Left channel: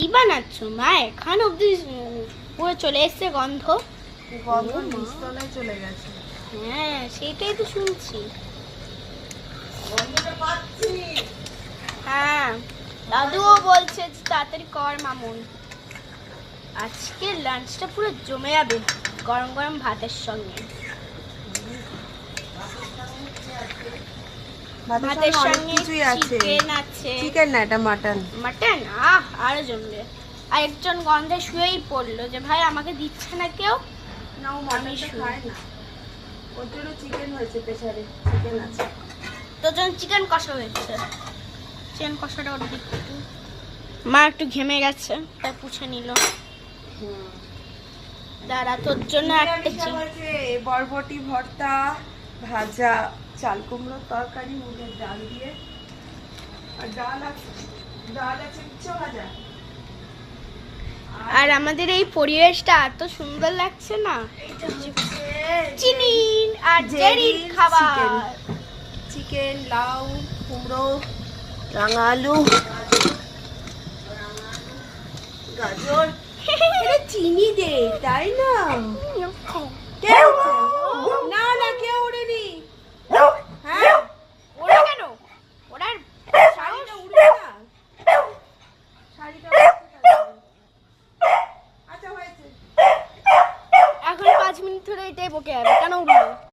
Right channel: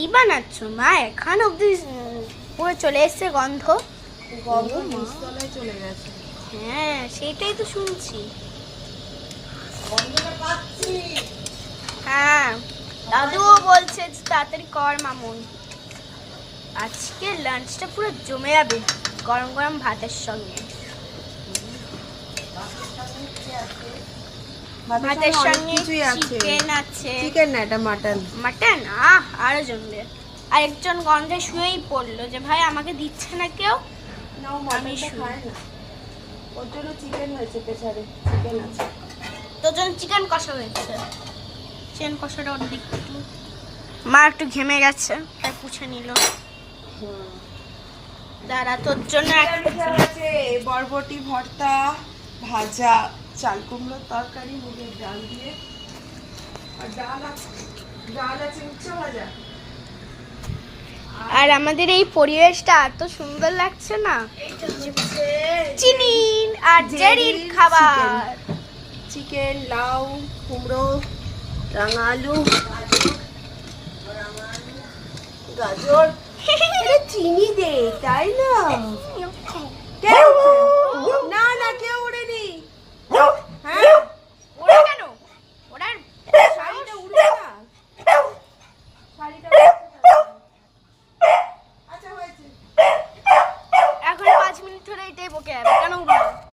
কি বানাচ্ছ মা? এখন অব্দি পুরো চলে এসছে গন্ধ। গন্ধ নিচতলায় চলে গেছে। হ্যাঁ সেটাই তো শুনছি। গন্ধটা পাচ্ছি। হ্যাঁ দাদুও বলছে যে তাড়াতাড়ি কর মামুন, আজকে লাঞ্চটা পুরো জমে যাবে গরম গরম ভাতের সঙ্গে। ভাতের সঙ্গে চিকেন আছে। চিকেন না, এটা মাটন। মাটন আরো জমবে। আরেকজন গন্ধে শুয়েই পড়লো যে ভাই আমাকে দিচ্ছে না কেউ। না, ও মাটনটা খায় না, ওর জন্য চিকেন হয়েছে। পেছারে চিকেন আছে। তোর জন্য চিকেন কষা হয়েছে। চিকেন কষাটা ওর দিক একটু মা একটু ঘেমে গেছে তাই পুছে নিল। দাঁড়া তোর জন্য একটা চিকেন আছে, বরবটি ভর্তা, ভাজা, চাল কুমড়োর তরকারি, মুগের ডাল দিয়ে, আর ডাল আছে উচ্চ ভাজা। আর আমাদের এই পরিবেশটা এত সুন্দর লাগছে না। চিনি আর জেরির খাবার। চিকেন, লাউ, কুমড়ো, রাঙা আলু, গাজর। চিনি দে, তাই না? না না, কেউ ওড়েনি। হ্যাঁ, ওরা কেন? ওরা শাড়িটা উড়বে না। শাড়িটা আচ্ছা হয়েছে। এখন 5 মিনিট ধরে এটাই বকে যাবে, কেন উঠলো?